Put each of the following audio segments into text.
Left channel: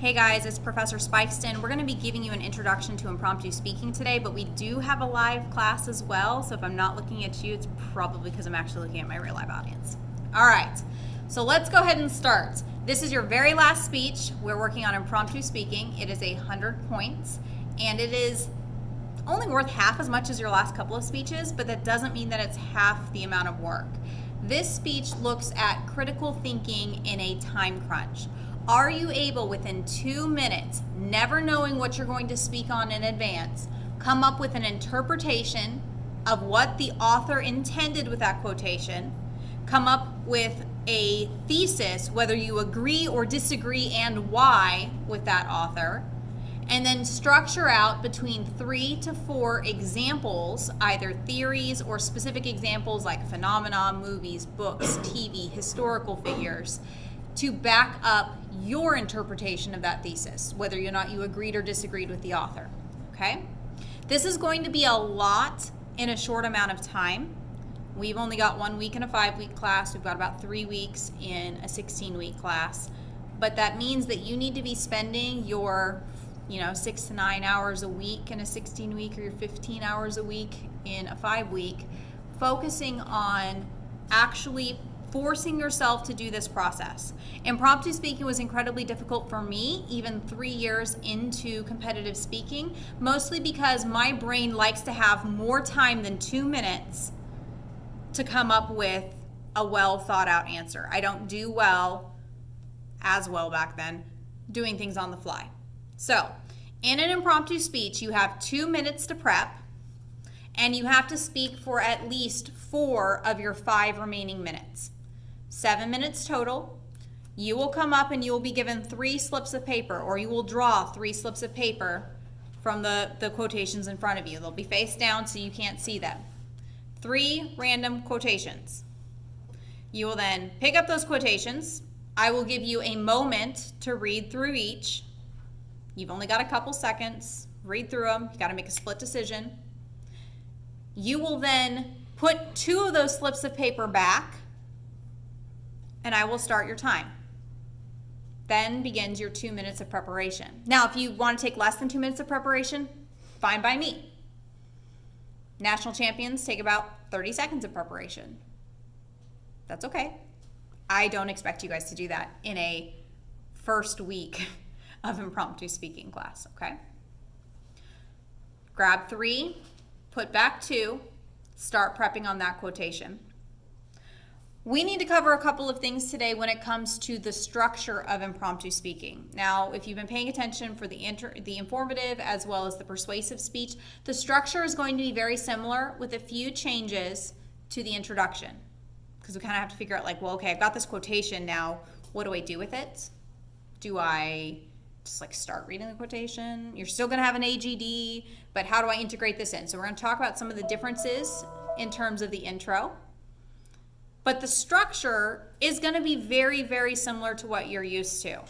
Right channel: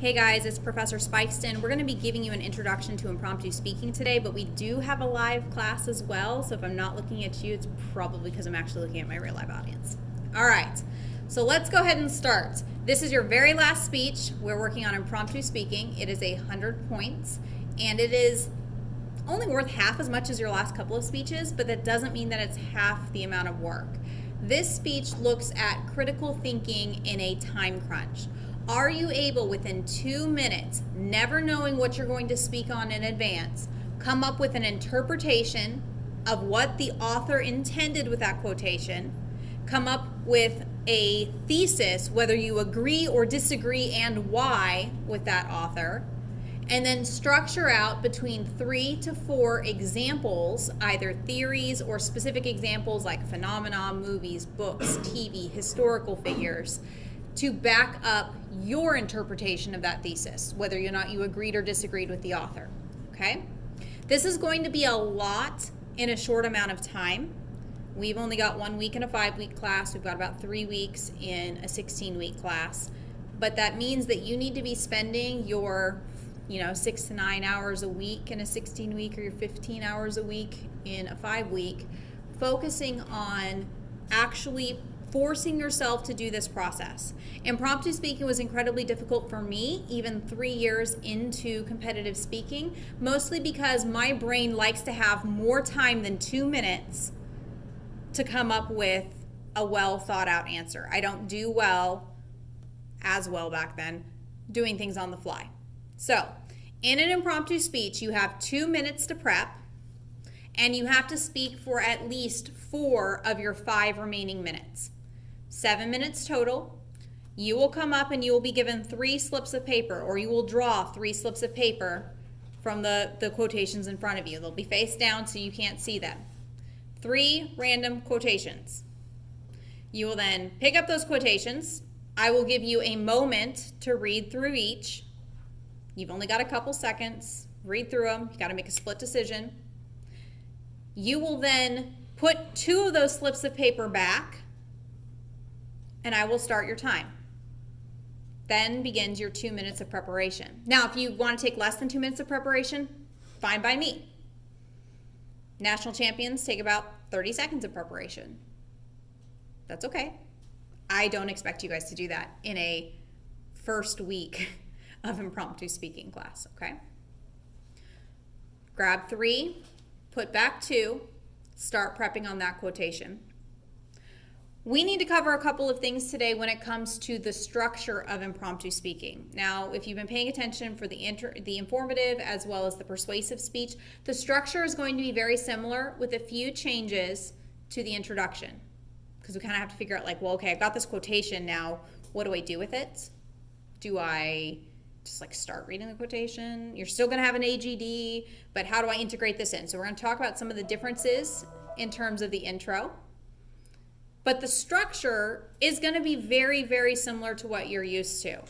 Hey guys, it's Professor Spikeston. We're going to be giving you an introduction to impromptu speaking today, but we do have a live class as well, so if I'm not looking at you, it's probably because I'm actually looking at my real live audience. All right, so let's go ahead and start. This is your very last speech. We're working on impromptu speaking. It is 100 points, and it is only worth half as much as your last couple of speeches, but that doesn't mean that it's half the amount of work. This speech looks at critical thinking in a time crunch. Are you able, within 2 minutes, never knowing what you're going to speak on in advance, come up with an interpretation of what the author intended with that quotation, come up with a thesis, whether you agree or disagree and why with that author, and then structure out between 3 to 4 examples, either theories or specific examples like phenomena, movies, books, TV, historical figures, to back up your interpretation of that thesis, whether or not you agreed or disagreed with the author, okay? This is going to be a lot in a short amount of time. We've only got 1 week in a 5-week class. We've got about 3 weeks in a 16-week class. But that means that you need to be spending your 6 to 9 hours a week in a 16-week or your 15 hours a week in a 5-week, focusing on actually forcing yourself to do this process. Impromptu speaking was incredibly difficult for me, even 3 years into competitive speaking, mostly because my brain likes to have more time than 2 minutes to come up with a well thought out answer. I don't do as well back then, doing things on the fly. So, in an impromptu speech, you have 2 minutes to prep, and you have to speak for at least 4 of your 5 remaining minutes. 7 minutes total. You will come up and you will be given 3 slips of paper, or you will draw 3 slips of paper from the quotations in front of you. They'll be face down so you can't see them. 3 random quotations. You will then pick up those quotations. I will give you a moment to read through each. You've only got a couple seconds. Read through them. You got to make a split decision. You will then put 2 of those slips of paper back, and I will start your time. Then begins your 2 minutes of preparation. Now, if you want to take less than 2 minutes of preparation, fine by me. National champions take about 30 seconds of preparation. That's okay. I don't expect you guys to do that in a first week of impromptu speaking class, okay? Grab 3, put back 2, start prepping on that quotation. We need to cover a couple of things today when it comes to the structure of impromptu speaking. Now, if you've been paying attention for the informative as well as the persuasive speech, the structure is going to be very similar with a few changes to the introduction. Because we kind of have to figure out okay, I've got this quotation now. What do I do with it? Do I just start reading the quotation? You're still going to have an AGD, but how do I integrate this in? So we're going to talk about some of the differences in terms of the intro. But the structure is going to be very, very similar to what you're used to.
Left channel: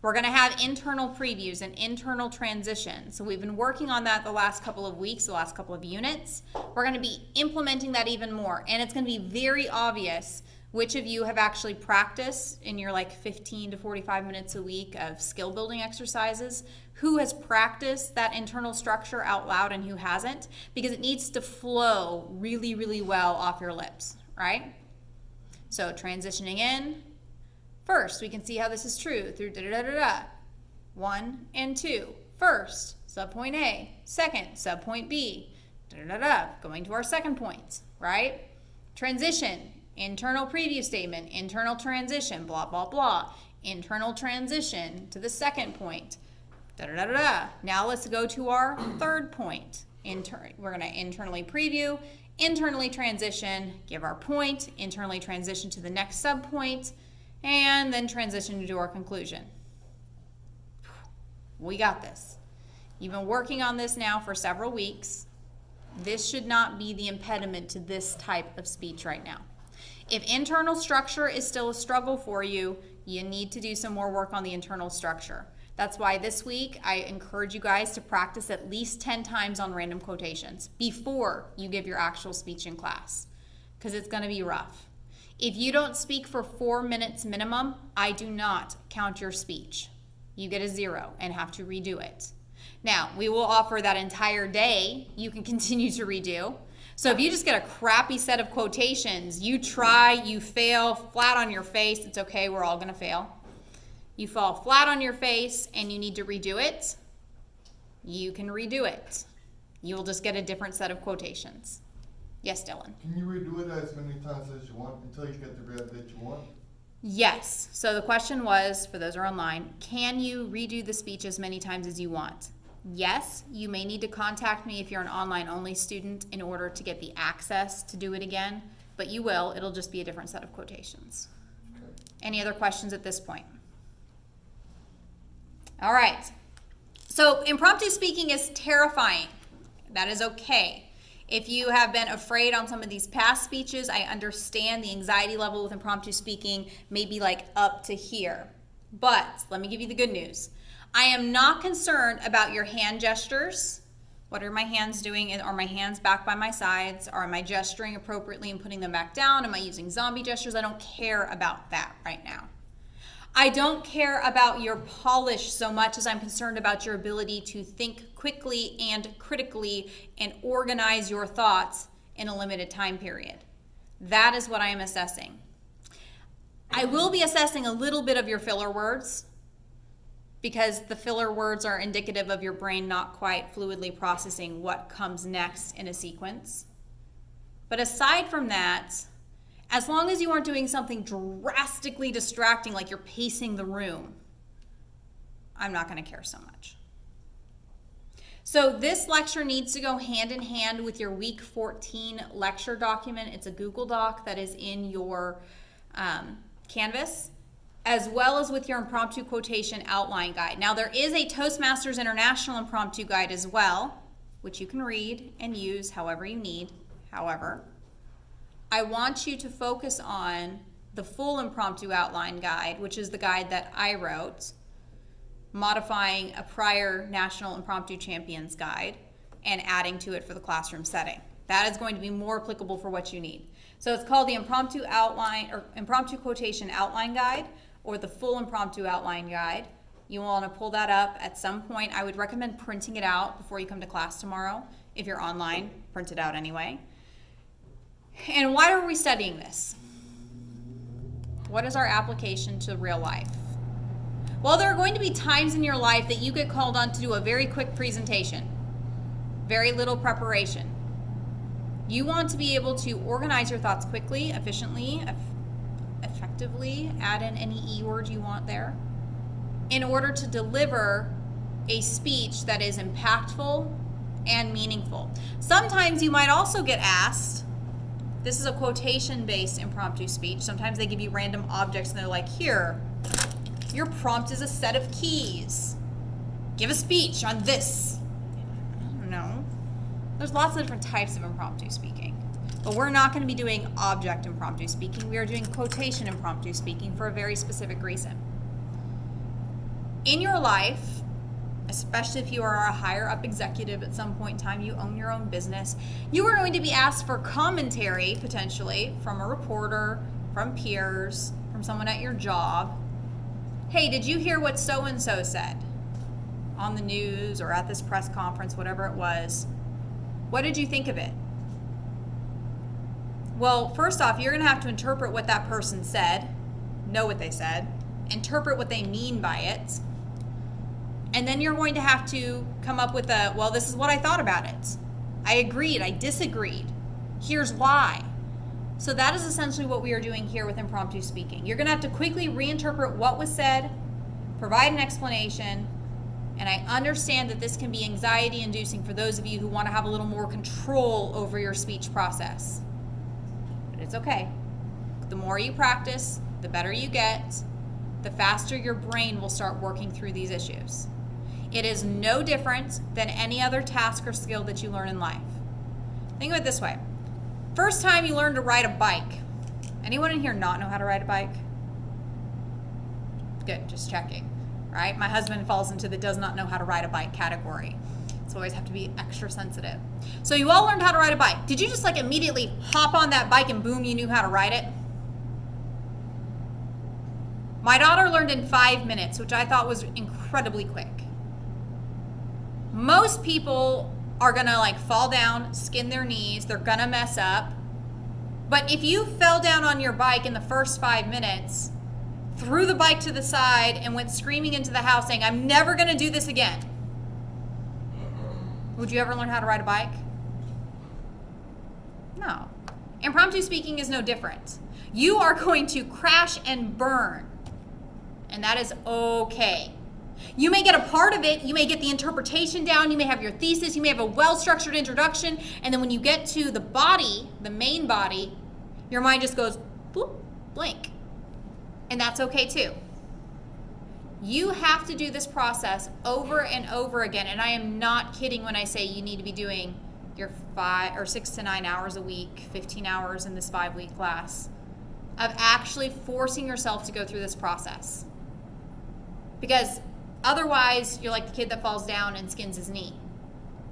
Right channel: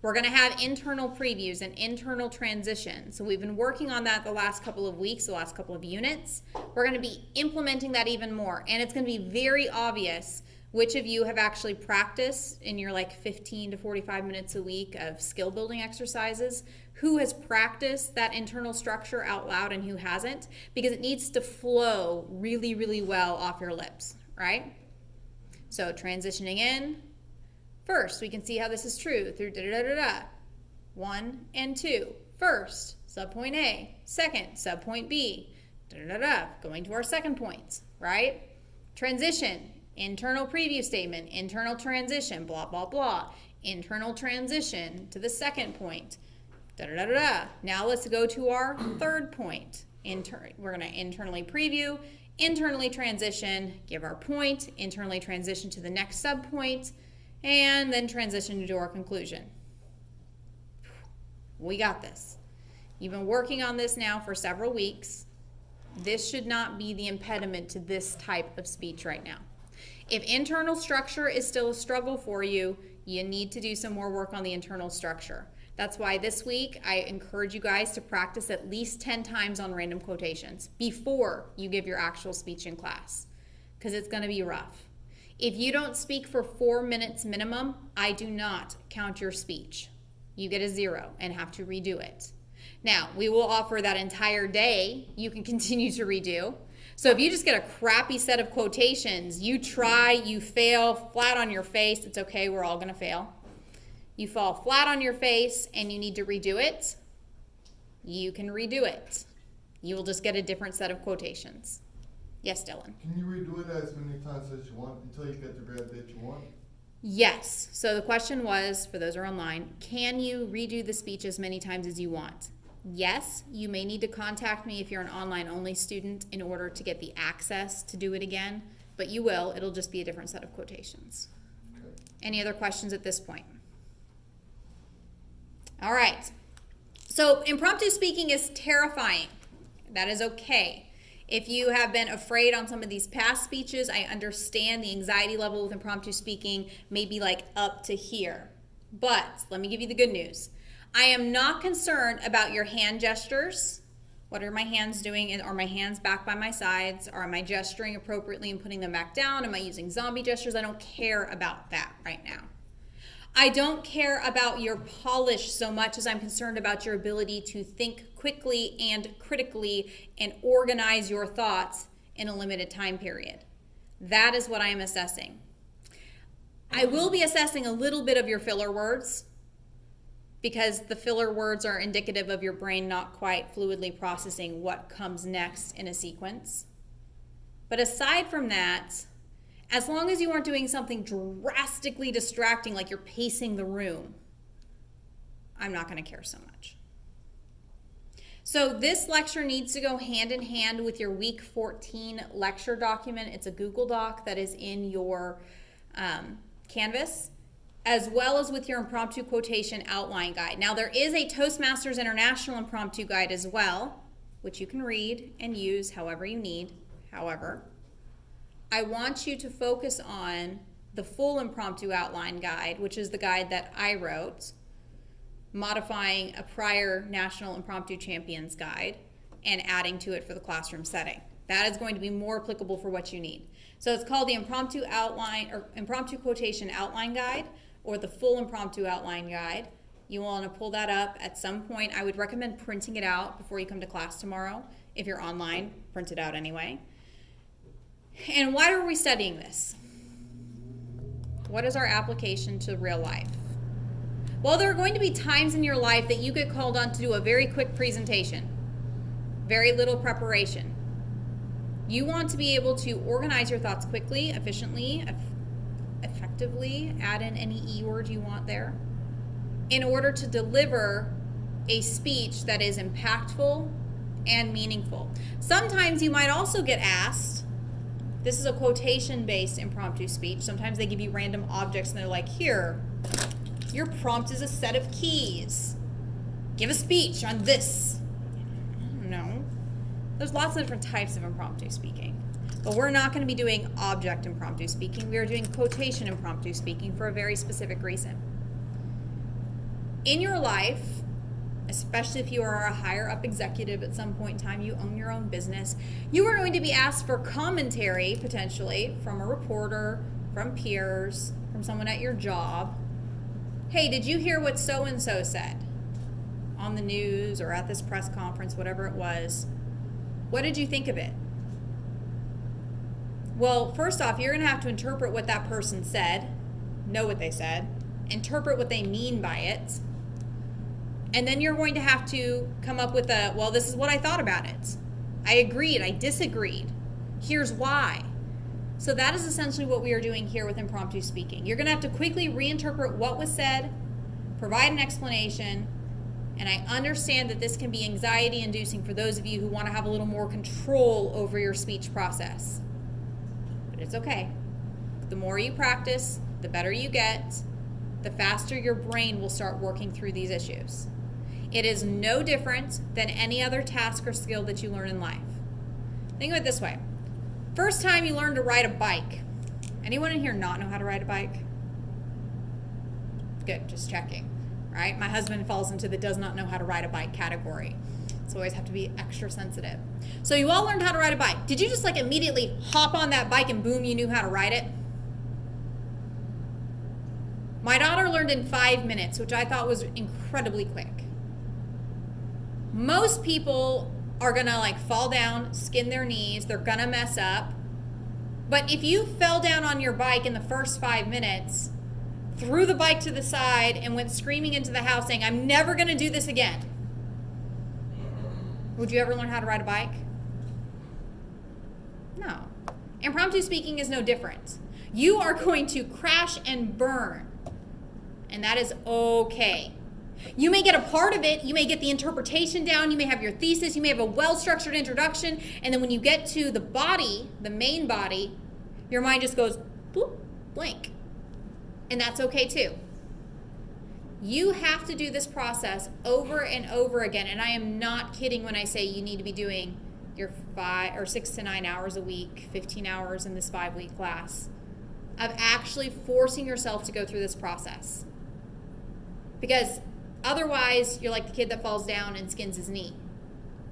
We're going to have internal previews and internal transitions. So we've been working on that the last couple of weeks, the last couple of units. We're going to be implementing that even more. And it's going to be very obvious which of you have actually practiced in your 15 to 45 minutes a week of skill building exercises, who has practiced that internal structure out loud and who hasn't, because it needs to flow really, really well off your lips, right? So transitioning in, first, we can see how this is true through da-da-da-da-da. 1 and 2. First, subpoint A. Second, subpoint B. Da-da-da-da. Going to our second point, right? Transition, internal preview statement, internal transition, blah, blah, blah. Internal transition to the second point. Da-da-da-da-da. Now let's go to our third point. We're going to internally preview, internally transition, give our point, internally transition to the next subpoint, and then transition to our conclusion. We got this. You've been working on this now for several weeks. This should not be the impediment to this type of speech right now. If internal structure is still a struggle for you, you need to do some more work on the internal structure. That's why this week I encourage you guys to practice at least 10 times on random quotations before you give your actual speech in class, because it's going to be rough. If you don't speak for 4 minutes minimum, I do not count your speech. You get a 0 and have to redo it. Now, we will offer that entire day you can continue to redo. So if you just get a crappy set of quotations, you try, you fail, flat on your face, it's okay, we're all going to fail. You fall flat on your face and you need to redo it, you can redo it. You will just get a different set of quotations. Yes, Dylan? Can you redo it as many times as you want until you get the grade that you want? Yes. So the question was, for those who are online, can you redo the speech as many times as you want? Yes, you may need to contact me if you're an online-only student in order to get the access to do it again, but you will. It'll just be a different set of quotations. Okay. Any other questions at this point? All right. So impromptu speaking is terrifying. That is okay. If you have been afraid on some of these past speeches, I understand the anxiety level with impromptu speaking may be like up to here. But let me give you the good news. I am not concerned about your hand gestures. What are my hands doing? Are my hands back by my sides? Or am I gesturing appropriately and putting them back down? Am I using zombie gestures? I don't care about that right now. I don't care about your polish so much as I'm concerned about your ability to think quickly and critically and organize your thoughts in a limited time period. That is what I am assessing. I will be assessing a little bit of your filler words, because the filler words are indicative of your brain not quite fluidly processing what comes next in a sequence. But aside from that, as long as you aren't doing something drastically distracting, like you're pacing the room, I'm not going to care so much. So this lecture needs to go hand in hand with your week 14 lecture document. It's a Google Doc that is in your Canvas, as well as with your impromptu quotation outline guide. Now there is a Toastmasters International impromptu guide as well, which you can read and use however you need. However, I want you to focus on the full impromptu outline guide, which is the guide that I wrote, modifying a prior National Impromptu Champions guide and adding to it for the classroom setting. That is going to be more applicable for what you need. So it's called the Impromptu Outline or Impromptu Quotation Outline Guide, or the full impromptu outline guide. You want to pull that up at some point. I would recommend printing it out before you come to class tomorrow. If you're online, print it out anyway. And why are we studying this? What is our application to real life? Well, there are going to be times in your life that you get called on to do a very quick presentation, very little preparation. You want to be able to organize your thoughts quickly, efficiently, effectively, add in any E word you want there, in order to deliver a speech that is impactful and meaningful. Sometimes you might also get asked, this is a quotation-based impromptu speech. Sometimes they give you random objects and they're like, here, your prompt is a set of keys. Give a speech on this. I don't know. There's lots of different types of impromptu speaking. But we're not going to be doing object impromptu speaking. We are doing quotation impromptu speaking for a very specific reason. In your life, especially if you are a higher up executive at some point in time, you own your own business, you are going to be asked for commentary, potentially, from a reporter, from peers, from someone at your job. Hey, did you hear what so-and-so said on the news or at this press conference, whatever it was? What did you think of it? Well, first off, you're going to have to interpret what that person said, know what they said, interpret what they mean by it, and then you're going to have to come up with a, well, this is what I thought about it. I agreed, I disagreed. Here's why. So that is essentially what we are doing here with impromptu speaking. You're going to have to quickly reinterpret what was said, provide an explanation, and I understand that this can be anxiety-inducing for those of you who want to have a little more control over your speech process. But it's okay. The more you practice, the better you get, the faster your brain will start working through these issues. It is no different than any other task or skill that you learn in life. Think of it this way. First time you learn to ride a bike. Anyone in here not know how to ride a bike? Good, just checking. Right? My husband falls into the does not know how to ride a bike category. So always have to be extra sensitive. So you all learned how to ride a bike. Did you just like immediately hop on that bike and boom, you knew how to ride it? My daughter learned in 5 minutes, which I thought was incredibly quick. Most people are gonna like fall down, skin their knees, they're gonna mess up. But if you fell down on your bike in the first 5 minutes, threw the bike to the side and went screaming into the house saying, I'm never gonna do this again, would you ever learn how to ride a bike? No. Impromptu speaking is no different. You are going to crash and burn, and that is okay. You may get a part of it, you may get the interpretation down, you may have your thesis, you may have a well-structured introduction, and then when you get to the body, the main body, your mind just goes, boop, blank. And that's okay too. You have to do this process over and over again, and I am not kidding when I say you need to be doing your 6 to 9 hours a week, 15 hours in this 5-week class, of actually forcing yourself to go through this process. Because otherwise, you're like the kid that falls down and skins his knee.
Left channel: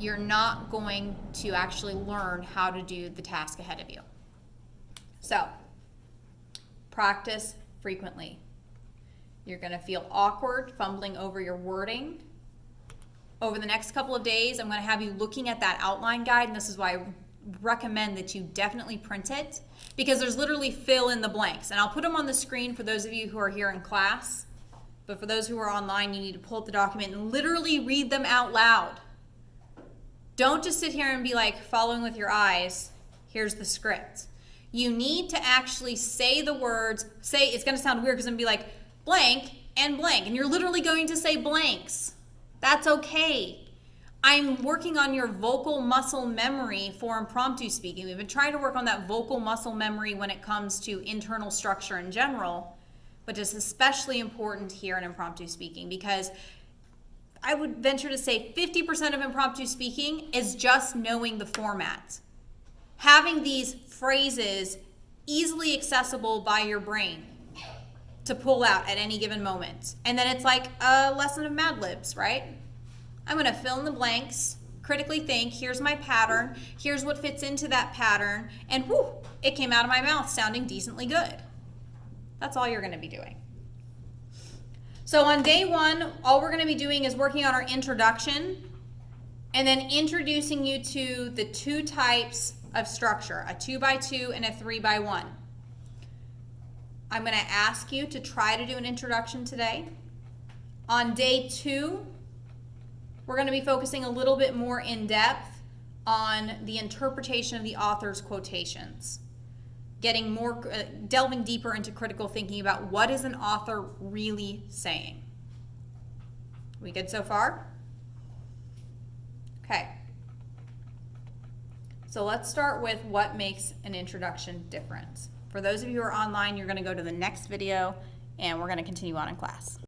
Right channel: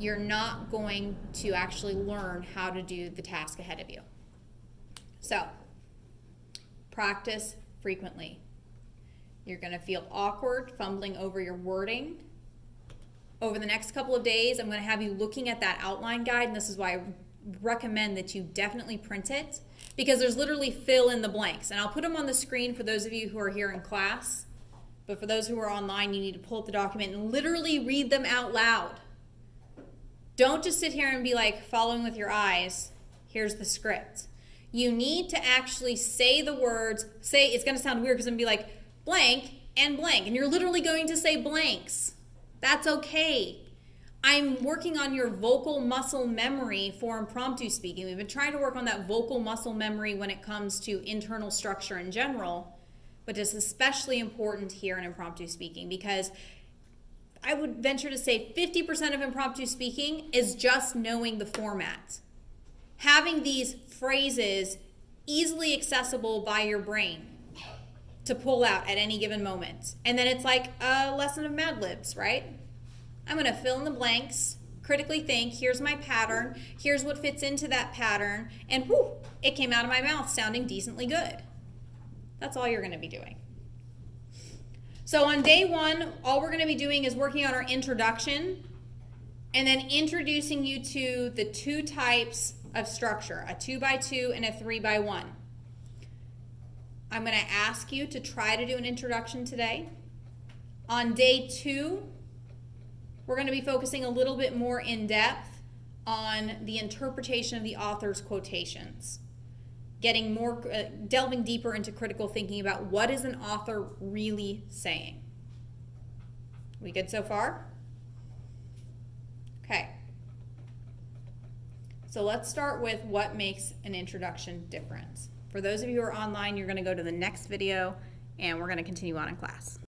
You're not going to actually learn how to do the task ahead of you. So, practice frequently. You're going to feel awkward fumbling over your wording. Over the next couple of days, I'm going to have you looking at that outline guide, and this is why I recommend that you definitely print it, because there's literally fill in the blanks. And I'll put them on the screen for those of you who are here in class. But for those who are online, you need to pull up the document and literally read them out loud. Don't just sit here and be like following with your eyes. Here's the script. You need to actually say the words. It's going to sound weird because I'm going to be like blank and blank. And you're literally going to say blanks. That's okay. I'm working on your vocal muscle memory for impromptu speaking. We've been trying to work on that vocal muscle memory when it comes to internal structure in general. But it's especially important here in impromptu speaking, because I would venture to say 50% of impromptu speaking is just knowing the format. Having these phrases easily accessible by your brain to pull out at any given moment. And then it's like a lesson of Mad Libs, right? I'm going to fill in the blanks, critically think, here's my pattern, here's what fits into that pattern, and whew, it came out of my mouth sounding decently good. That's all you're going to be doing. So on day 1, all we're going to be doing is working on our introduction and then introducing you to the 2 types of structure, a 2x2 and a 3x1. I'm going to ask you to try to do an introduction today. On day 2, we're going to be focusing a little bit more in depth on the interpretation of the author's quotations. Getting more, delving deeper into critical thinking about what is an author really saying. We good so far? Okay. So let's start with what makes an introduction different. For those of you who are online, you're going to go to the next video and we're going to continue on in class.